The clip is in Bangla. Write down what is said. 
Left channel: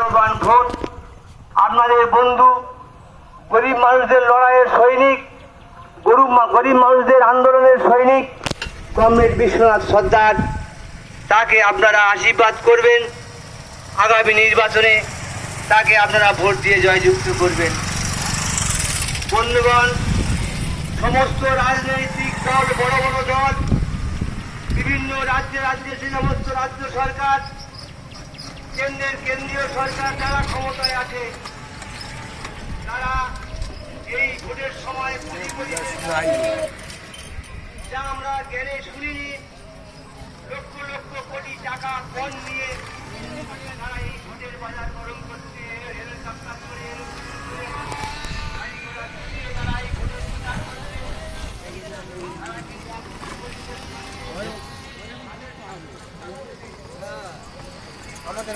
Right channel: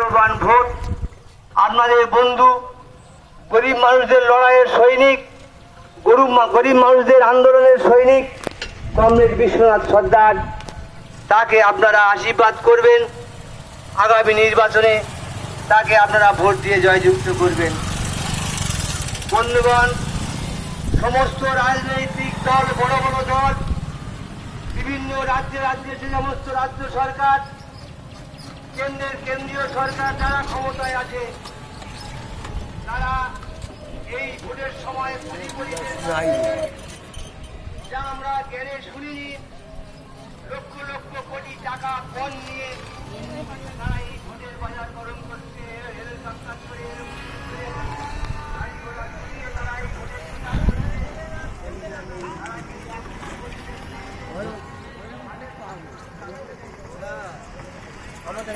মূল্যবান ভোট আপনাদের বন্ধু, গরিব মানুষদের লড়াইয়ের সৈনিক, গরিব মানুষদের আন্দোলনের সৈনিক কমরেড বিশ্বনাথ সর্দার, তাকে আপনারা আশীর্বাদ করবেন। আগামী নির্বাচনে তাকে আপনারা ভোট দিয়ে জয়যুক্ত করবেন। বন্ধুগণ, সমস্ত রাজনৈতিক দল, বড় বড় দল, বিভিন্ন রাজ্যে যে সমস্ত রাজ্য সরকার, কেন্দ্রীয় সরকার যারা ক্ষমতায় আছে, তারা এই ভোটের সময় যা আমরা জ্ঞানে শুনিনি, লক্ষ লক্ষ কোটি টাকা কর নিয়ে তারা এই ভোটের বাজার গরম করছে, আমাদের